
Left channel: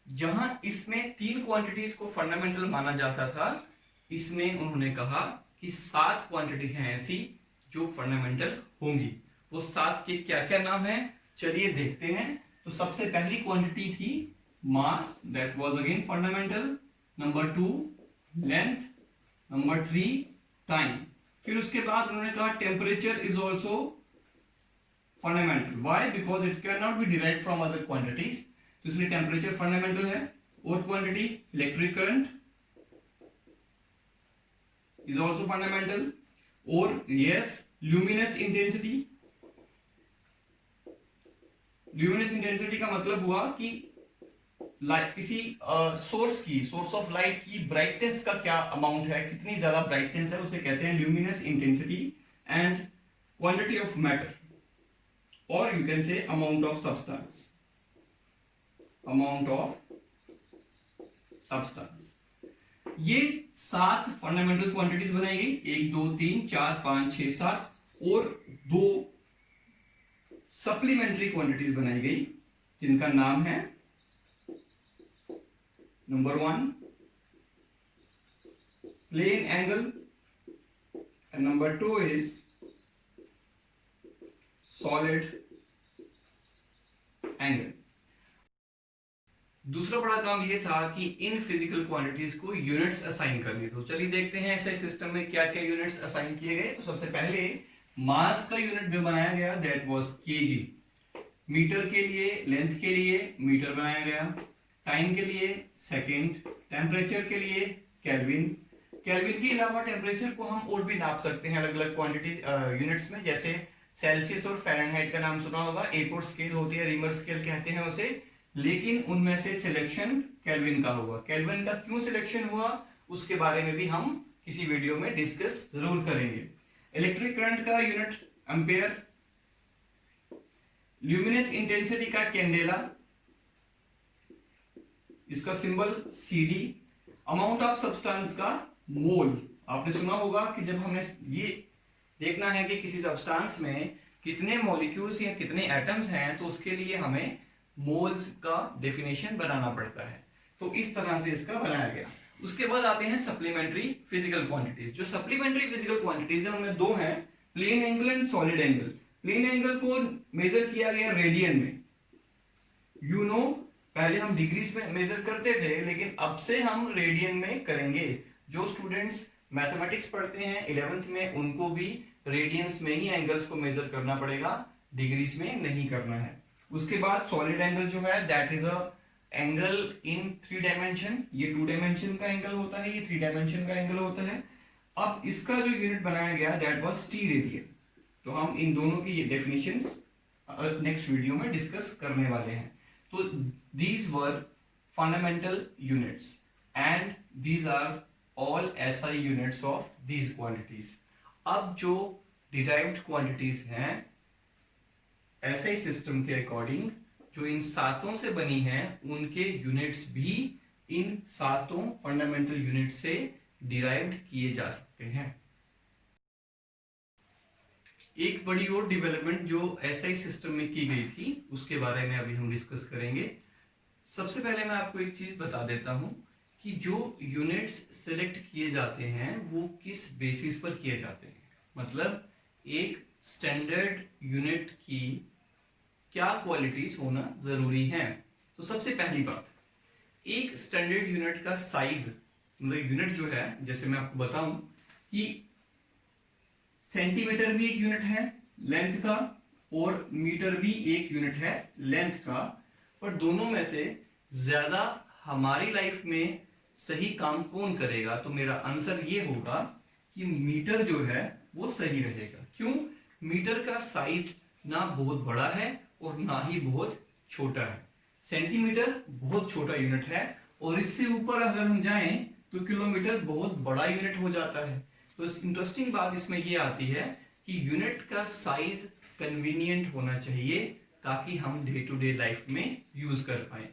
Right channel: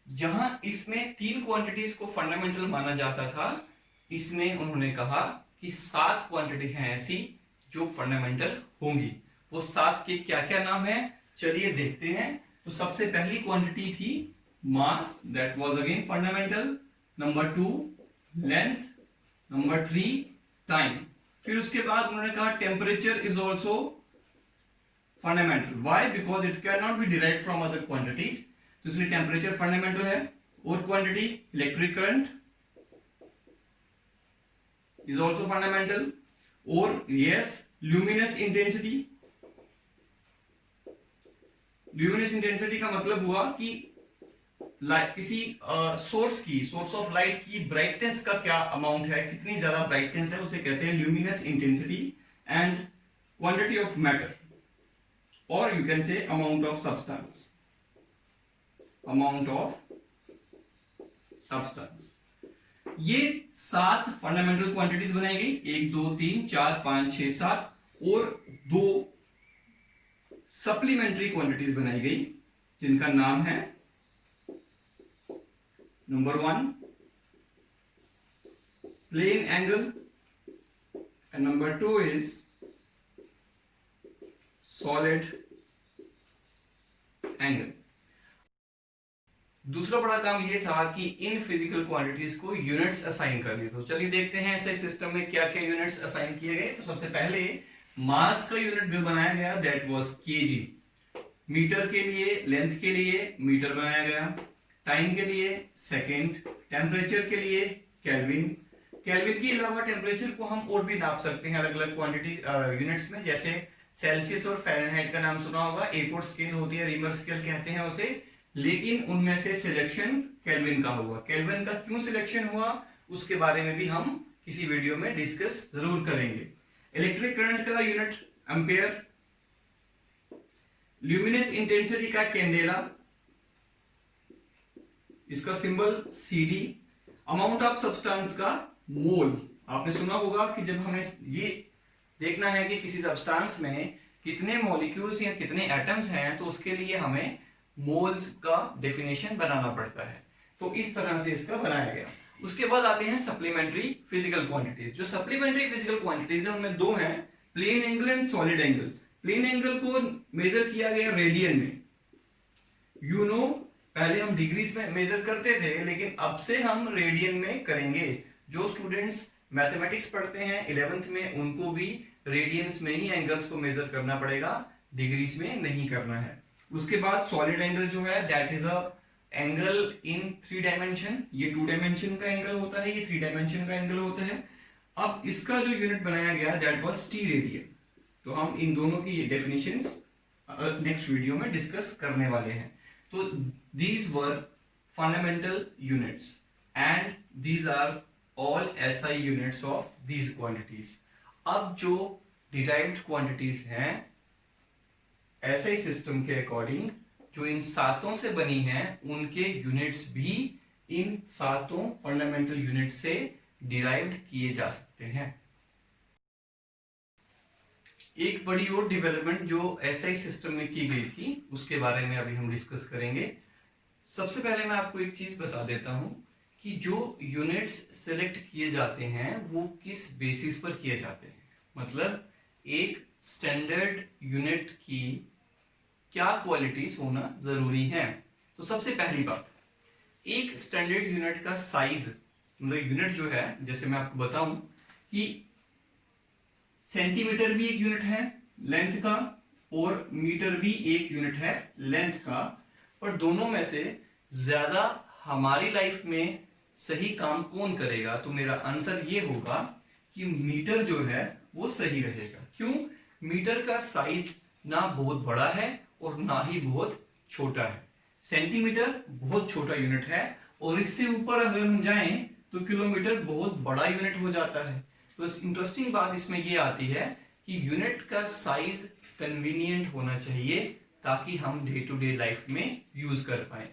जहां इसमें 3 क्वांटिटीज को फंडामेंटल माना जाता था, इसमें उन्होंने कहा कि 7 क्वांटिटी हैं ऐसी जो फंडामेंटल होंगी। वो 7 के क्या क्या नाम है, चलिए देखते हैं। तो सबसे पहली क्वांटिटी थी mass, that was again fundamental. Number 2 length, number 3 time. फिर उसके बाद उन्होंने कहा temperature is also fundamental. Why? Because it can not be derived from other quantities, तो इसलिए टेम्परेचर फंडामेंटल है। और quantity electric current is also fundamental. और yes luminous intensity. Luminous intensity का मतलब हुआ कि किसी सोर्स ऑफ लाइट की ब्राइटनेस का क्या अमाउंट है, कितनी ज्यादा ब्राइटनेस है, उसे कहते हैं luminous intensity. And quantity of matter, और you can say amount of substance, amount of substance. ये 7 फंडामेंटल क्वांटिटीज बनाई गई, 1 2 3 4 5 6 7, और 2 सप्लीमेंट्री क्वांटिटीज बनाई गई जिनका नाम है number 1 plane angle and number 2 is solid angle. दूसरा बड़ा काम यह था कि इन फिजिकल क्वांटिटीज को यूनिट्स असाइन करने। तो चलिए देखते हैं ऐसे सिस्टम में क्या क्या यूनिट्स असाइन किए गए। तो सबसे पहले मास का यूनिट भी बनाया गया, दैट वाज केजी। मीटर के लिए, लेंथ के लिए मीटर बनाया गया। टाइम के लिए सेकेंड। टेम्परेचर के लिए केल्विन। केल्विन के अलावा टेम्परेचर को हम और भी नाप सकते हैं अलग अलग क्वांटिटी यूनिट्स में, जैसे सेल्सियस और फ़ारेनहाइट का नाम सुना होगा। एक और स्केल होती है, रिमर स्केल कहते हैं उसे, लेकिन उनमें से सिलेक्शन केल्विन का हुआ। केल्विन का क्यों सिलेक्शन हुआ उसके बारे में भी हम किसी वीडियो में डिस्कस जरूर करेंगे। इलेक्ट्रिक करंट का यूनिट एम्पेयर। ल्यूमिनस इंटेंसिटी का कैंडेला, इसका symbol CD. Amount of substance का मोल। आपने सुना होगा कि जब हमें ये देखना है कि किसी सब्सटेंस में कितने मॉलिक्यूल्स या कितने एटम्स हैं, तो उसके लिए हमें मोल्स का डेफिनेशन बनाना पड़ता है। तो इस तरह से इसका बनाया गया। उसके बाद आते हैं सप्लीमेंट्री फिजिकल क्वांटिटीज। जो सप्लीमेंट्री फिजिकल क्वांटिटीज है उनमें 2 हैं, plane angle and solid angle. Plane angle को मेजर किया गया रेडियन में। यू नो पहले हम डिग्रीज में मेजर करते थे, लेकिन अब से हम रेडियन में करेंगे। जो स्टूडेंट्स मैथमेटिक्स पढ़ते हैं 11th में, उनको भी रेडियंस में ही एंगल्स को मेजर करना पड़ेगा, डिग्रीज में नहीं करना है। उसके बाद सॉलिड एंगल जो है that is a angle in 3 dimension. ये 2 डायमेंशन का एंगल होता है, ये 3 डायमेंशन का एंगल होता है। अब इसका जो यूनिट बनाया गया दैट वाज टी रेडियन। तो हम इन दोनों की ये डेफिनेशंस नेक्स्ट वीडियो में डिस्कस करने वाले हैं। तो these were fundamental units and these are all SI units of these quantities. अब जो derived quantities हैं SI system के अकॉर्डिंग जो इन 7 से बनी हैं, उनके यूनिट्स भी इन 7 फंडामेंटल यूनिट से डिराइव्ड किए जा सकते हैं। एक बड़ी और डेवलपमेंट जो एसआई सिस्टम में की गई थी उसके बारे में अभी हम डिस्कस करेंगे। सबसे पहले मैं आपको एक चीज बता देता हूं कि जो यूनिट्स सिलेक्ट किए जाते हैं वो किस बेसिस पर किए जाते हैं। मतलब एक स्टैंडर्ड यूनिट की क्या क्वालिटीज होना जरूरी है। तो सबसे पहली बात, एक स्टैंडर्ड यूनिट का साइज, मतलब यूनिट जो है, जैसे मैं आपको बताऊं कि सेंटीमीटर भी एक यूनिट है लेंथ का और मीटर भी एक यूनिट है लेंथ का, पर दोनों में से ज्यादा हमारी लाइफ में सही काम कौन करेगा? तो मेरा आंसर ये होगा कि मीटर जो है वो सही रहेगा। क्यों? मीटर का साइज ना बहुत बड़ा है और ना ही बहुत छोटा है। सेंटीमीटर बहुत छोटा यूनिट है और इससे ऊपर अगर हम जाएं तो किलोमीटर बहुत बड़ा यूनिट हो जाता है। तो इंटरेस्टिंग बात इसमें ये आती है कि यूनिट का साइज कन्वीनियंट होना चाहिए ताकि हम डे टू डे लाइफ में यूज कर पाए।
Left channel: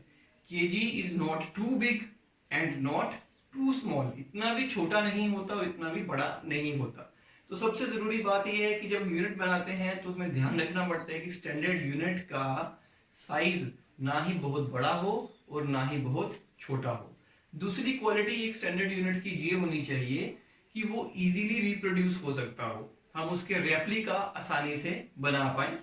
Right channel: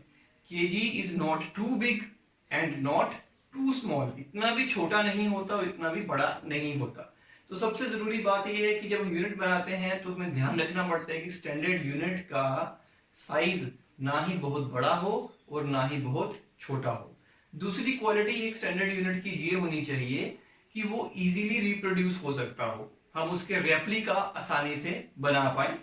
KG is not too big and not too small, इतना भी छोटा नहीं होता और इतना भी बड़ा नहीं होता। तो सबसे जरूरी बात यह है कि जब हम यूनिट बनाते हैं तो हमें ध्यान रखना पड़ता है कि स्टैंडर्ड यूनिट का साइज ना ही बहुत बड़ा हो और ना ही बहुत छोटा हो। दूसरी क्वालिटी एक स्टैंडर्ड यूनिट की ये होनी चाहिए कि वो इजीली रिप्रोड्यूस हो सकता हो। हम उसके रेप्लिका आसानी से बना पाए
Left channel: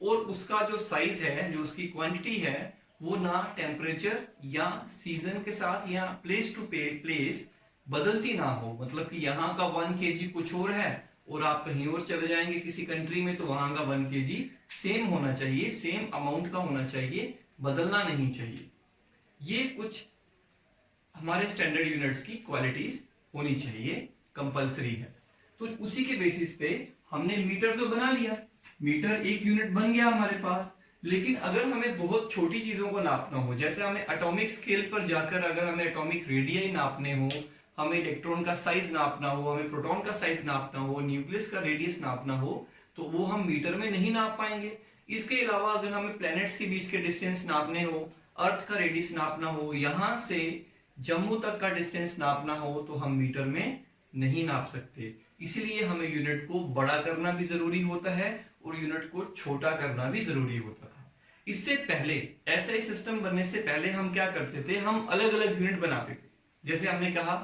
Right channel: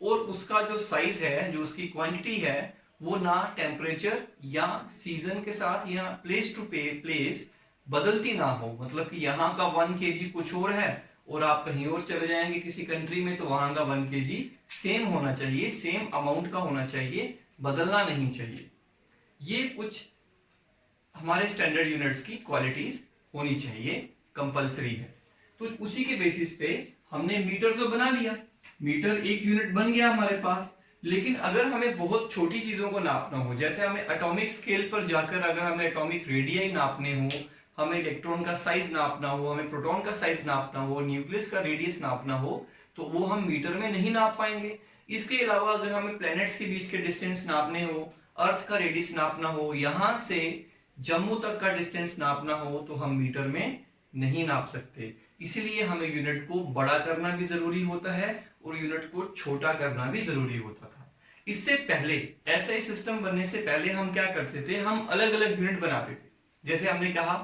और उसका जो साइज है, जो उसकी क्वांटिटी है, वो ना टेम्परेचर या सीजन के साथ या प्लेस टू प्लेस बदलती ना हो। मतलब कि यहाँ का 1 kg कुछ और है और आप कहीं और चले जाएंगे किसी कंट्री में, तो वहां का 1 kg सेम होना चाहिए, सेम अमाउंट का होना चाहिए, बदलना नहीं चाहिए। ये कुछ हमारे स्टैंडर्ड यूनिट्स की क्वालिटीज होनी चाहिए, कंपलसरी है। तो उसी के बेसिस पे हमने मीटर तो बना लिया, मीटर एक यूनिट बन गया हमारे पास। लेकिन अगर हमें बहुत छोटी चीजों को नापना हो, जैसे हमें एटॉमिक स्केल पर जाकर अगर हमें एटॉमिक रेडियाई नापने हो, हमें इलेक्ट्रॉन का साइज नापना हो, हमें प्रोटॉन का साइज नापना हो, न्यूक्लियस का रेडियस नापना हो, तो वो हम मीटर में नहीं नाप पाएंगे। इसके अलावा अगर हमें प्लैनेट्स के बीच के डिस्टेंस नापने हो, अर्थ का रेडियस नापना हो, यहां से जम्मू तक का डिस्टेंस नापना हो, तो हम मीटर में नहीं नाप सकते। इसीलिए हमें यूनिट को बड़ा करना भी जरूरी होता है और यूनिट को छोटा करना भी जरूरी होता था। इससे पहले, ऐसा सिस्टम बनने से पहले हम क्या करते थे, हम अलग अलग यूनिट बनाते थे। जैसे हमने कहा,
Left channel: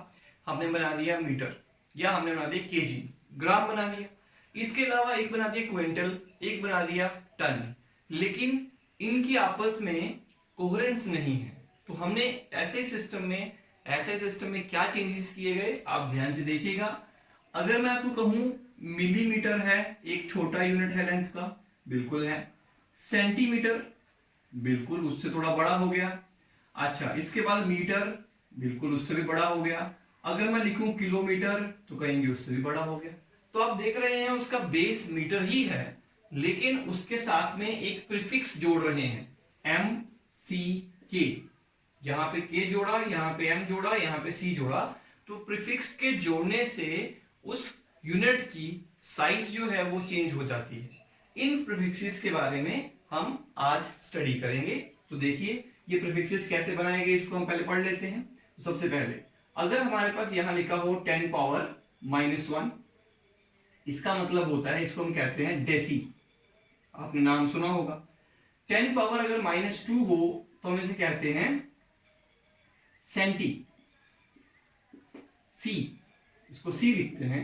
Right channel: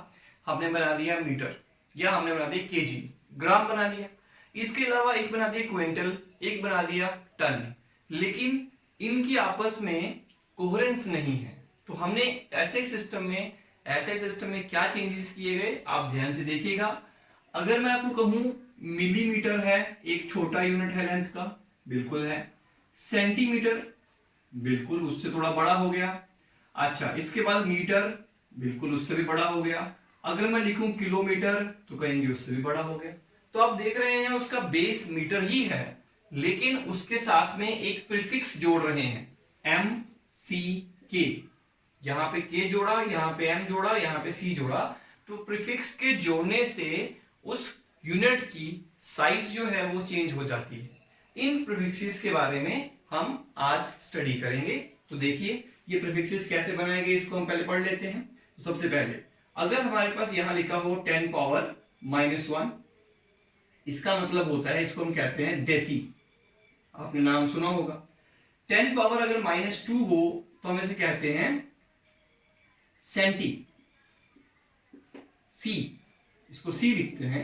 हमने बना दिया मीटर, या हमने बना दिया केजी, ग्राम बना दिया। इसके अलावा एक बना दिया क्विंटल, एक बना दिया टन। लेकिन इनकी आपस में कोहेरेंस नहीं है। तो हमने ऐसे सिस्टम में क्या चेंजेस किए गए, आप ध्यान से देखिएगा। अगर मैं आपको कहूं मिलीमीटर है, एक छोटा यूनिट है लेंथ का, बिल्कुल है। सेंटीमीटर, बिल्कुल उससे थोड़ा बड़ा हो गया। अच्छा, इसके बाद मीटर, बिल्कुल उससे भी बड़ा हो गया। अगर मैं लिखूं किलोमीटर, तो कहेंगे उससे भी बड़ा हो गया। तो आप देख रहे हैं उसका बेस मीटर ही है, लेकिन उसके साथ में एक प्रीफिक्स जोड़ रहे हैं, एम सी के। यहां पे के जोड़ा, यहां पे एम जोड़ा, यहां पे सी जोड़ा। तो प्रीफिक्स के जोड़ने से उस यूनिट की साइज जो है वो चेंज हो जाती है। इन प्रीफिक्सेस के बारे में हम आज स्टडी करेंगे। तो देखिए ये प्रीफिक्सेस कैसे बनाए गए, इसको हम पहले पढ़ लेते हैं। तो सबसे पहले अगर हमारे पास यहां लिखा हो 10 पावर -1, इसका मतलब होता है, इसको हम कहते हैं डेसी। आपने नाम सुना होगा। 10 पावर अगर -2 हो तो हम इसे कहते हैं सेंटी, सी, इसको सी लिखते हैं।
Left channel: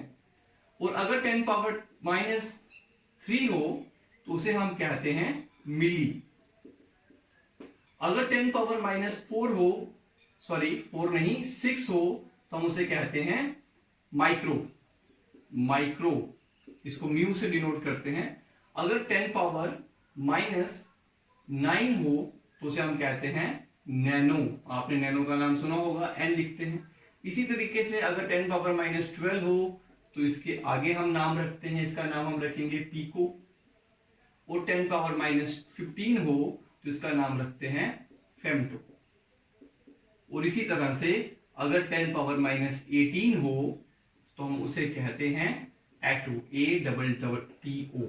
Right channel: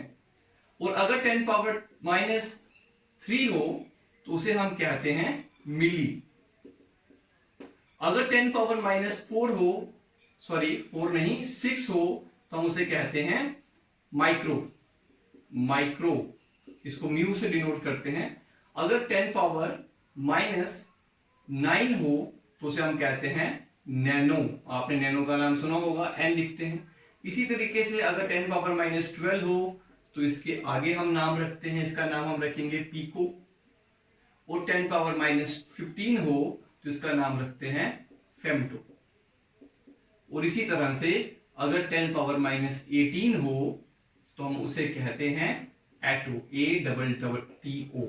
और अगर 10 पावर -3 हो तो उसे हम कहते हैं मिली। अगर 10 पावर -4 हो, सॉरी 4 नहीं 6 हो, तो हम उसे कहते हैं माइक्रो। माइक्रो, इसको म्यू से डिनोट करते हैं। अगर 10 पावर -9 हो तो उसे हम कहते हैं नैनो। आपने नैनो का नाम सुना होगा, एन लिखते हैं। इसी तरीके से अगर 10 पावर -12 हो तो इसके आगे हम नाम रखते हैं, इसका नाम हम रखेंगे पीको। और 10 पावर -15 हो तो इसका नाम रखते हैं फेमटो। और इसी तरह से अगर 10 पावर -18 हो तो हम उसे कहते हैं एटो, ATTO।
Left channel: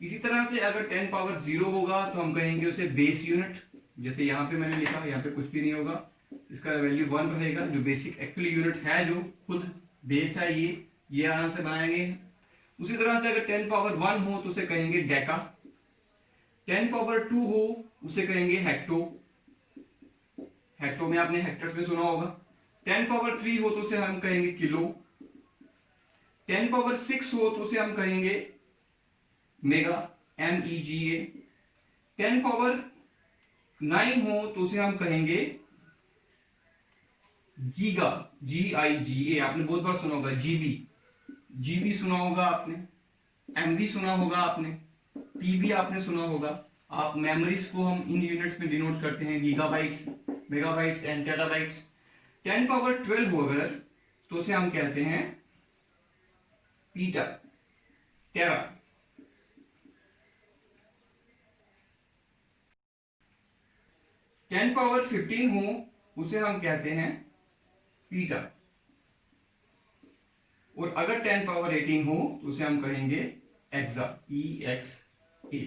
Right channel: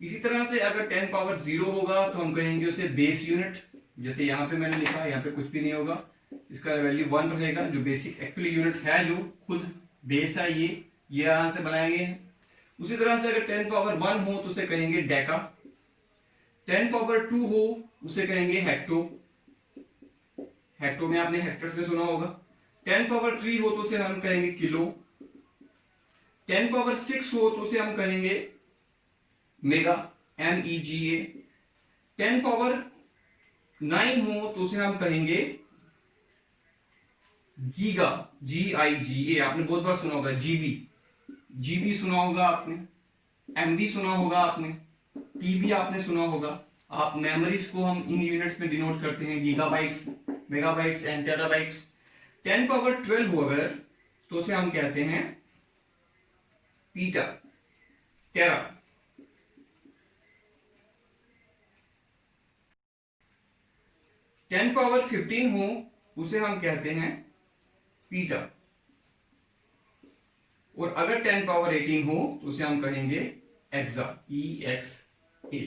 इसी तरह से अगर 10 पावर 0 होगा तो हम कहेंगे उसे बेस यूनिट। जैसे यहां पे मैंने लिखा, यहां पे कुछ भी नहीं होगा, इसका वैल्यू 1 रहेगा। जो बेसिक एक्चुअली यूनिट है, जो खुद बेस है, ये यहां से बनाए गए हैं। उसी तरह से अगर 10 पावर 1 हो तो उसे कहेंगे डेका। 10 पावर 2 हो उसे कहेंगे हेक्टो। हेक्टो में आपने हेक्टर्स में सुना होगा। 10 पावर 3 हो तो उसे हम कहेंगे किलो। 10 पावर 6 हो तो उसे हम कहेंगे मेगा, MEGA। 10 पावर 9 हो तो उसे हम कहेंगे गीगा, GIGA। आपने बहुत बार सुना होगा। जीबी सुना होगा आपने, MB सुना होगा आपने, PB आपने सुना होगा। आप मेमोरीज को हम इन यूनिट्स में डिनोट करते हैं, gigabytes, megabytes and terabytes. 10 power 12 हो अगर तो उसे हम कहते हैं पीटा, टेरा। 10 पावर 15 हो उसे हम कहते हैं पीटा। और अगर 10 पावर 18 हो तो उसे हम कहेंगे एक्सा, EXA।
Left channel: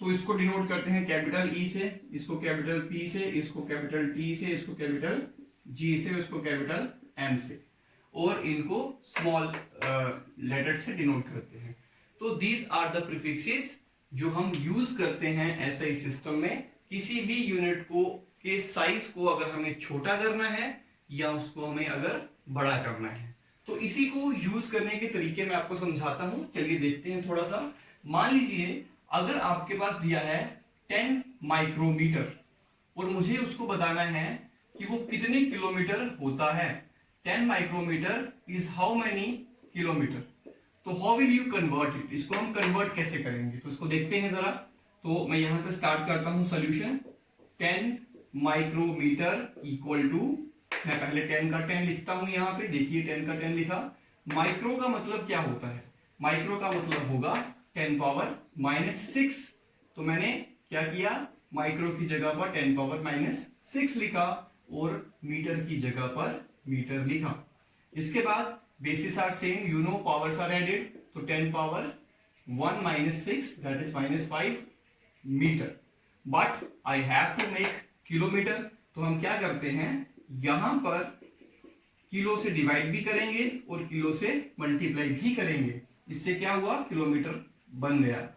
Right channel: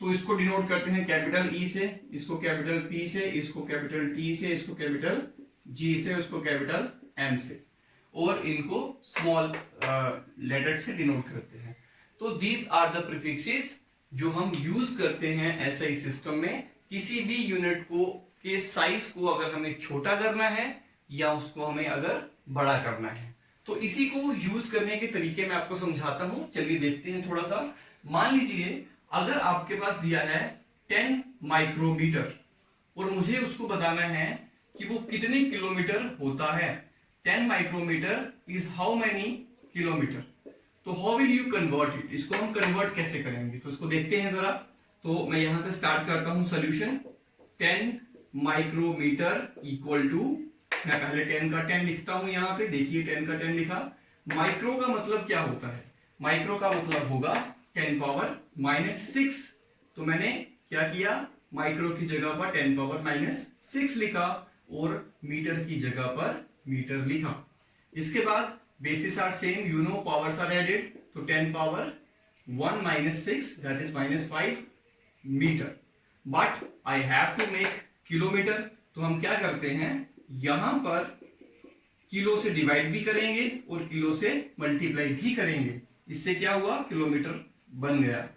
तो इसको डिनोट करते हैं कैपिटल E से, इसको कैपिटल P से, इसको कैपिटल T से, इसको कैपिटल G से, इसको कैपिटल M से, और इनको स्मॉल लेटर से डिनोट करते हैं। तो दीज आर द प्रीफिक्सेस जो हम यूज करते हैं ऐसे सिस्टम में। किसी भी यूनिट को के साइज को अगर हमें छोटा करना है या उसको हमें अगर बड़ा करना है, तो इसी को यूज करने के तरीके मैं आपको समझाता हूं, चलिए देखते हैं थोड़ा सा। मान लीजिए अगर आपके पास दिया है 10 माइक्रोमीटर और मुझे उसको बताना है कि वो कितने किलोमीटर होता है। 10 micrometre is how many kilometre. तो how will you convert it, इसको हम कन्वर्ट कैसे करेंगे, तो इसको देखते हैं जरा। तो मैं यहां से स्टार्ट करता हूं सॉल्यूशन। 10 माइक्रोमीटर इक्वल टू, मैं पहले 10 का 10 लिखता हूं यहां पे, देखिए 10 का 10 लिखा। माइक्रो का मतलब क्या होता है, माइक्रो का मतलब होगा 10 पावर माइनस 6। तो मैंने क्या किया, माइक्रो की जगह पर 10 पावर माइनस 6 लिखा और मीटर की जगह पर मीटर लिखा। इसके बाद bases are same, you know powers are added, तो 10 power 1 minus 6 that is minus 5 metre. But I have to make kilometre, तो हम क्या करते हैं, यहां पर किलो से डिवाइड भी करेंगे और किलो से मल्टीप्लाई भी करेंगे। इससे क्या हुआ, किलोमीटर बन गया।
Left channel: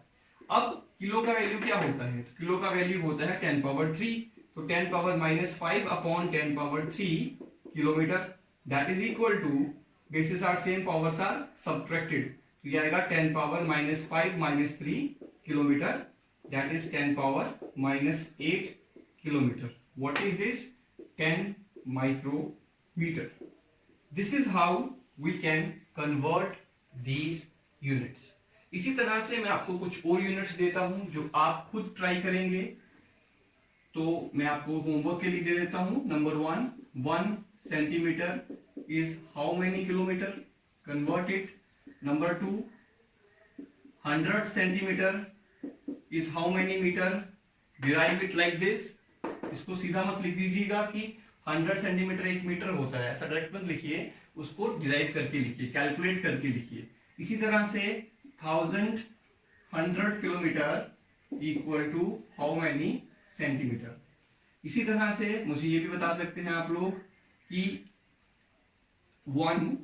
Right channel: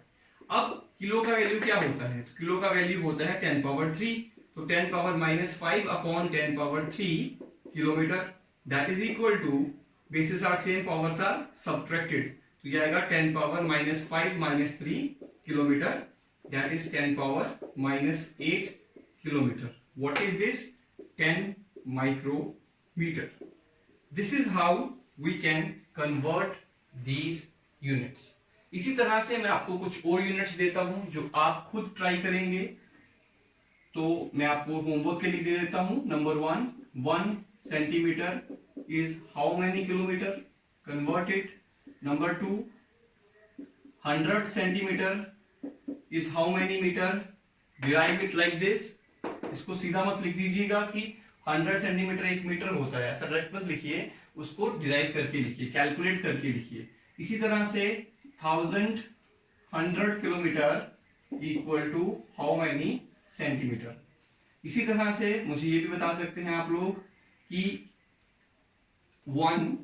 अब किलो का वैल्यू क्या होता है, तो किलो का वैल्यू होता है 10 पावर 3। तो 10 power minus 5 upon 10 power 3 kilometre, that is equal to, bases are same powers are subtracted, तो ये आएगा 10 power minus 5 minus 3 kilometre, that is 10 power minus 8 kilometre. What is this, 10 micrometer. This is how we can convert these units. इसी तरह से मैं आपको कुछ और यूनिट्स देता हूं जो आप खुद ट्राई करेंगे। तो मैं आपको होमवर्क के लिए दे देता हूं। Number 1 centimetre is how many kilometre, convert it. Number 2 100 centimetre is how many metre, derive it like this. इसको सीधा मत लिख दीजिएगा कि 100 सेंटीमीटर 1 मीटर होता है, ऐसा डायरेक्ट मत लिखिए, उसको डिराइव करके लिखिए, कैलकुलेट करके लिखिए। इसी तरह से 100 kilometre equal to how many centimetre. इसी तरह से मुझे ये भी बता सकते हैं आप लोग कि 1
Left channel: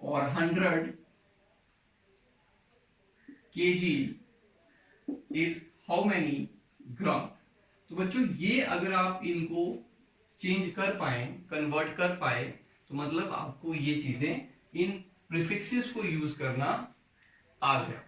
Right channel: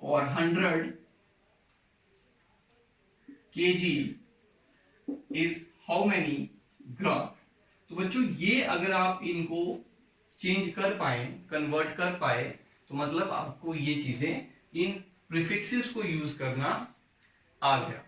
और 100 kg इज हाउ मैनी ग्राम। तो बच्चों ये अगर आप इनको चेंज कर पाए, कन्वर्ट कर पाए, तो मतलब आपको ये चीजें, इन प्रीफिक्सेस को यूज करना आ गया।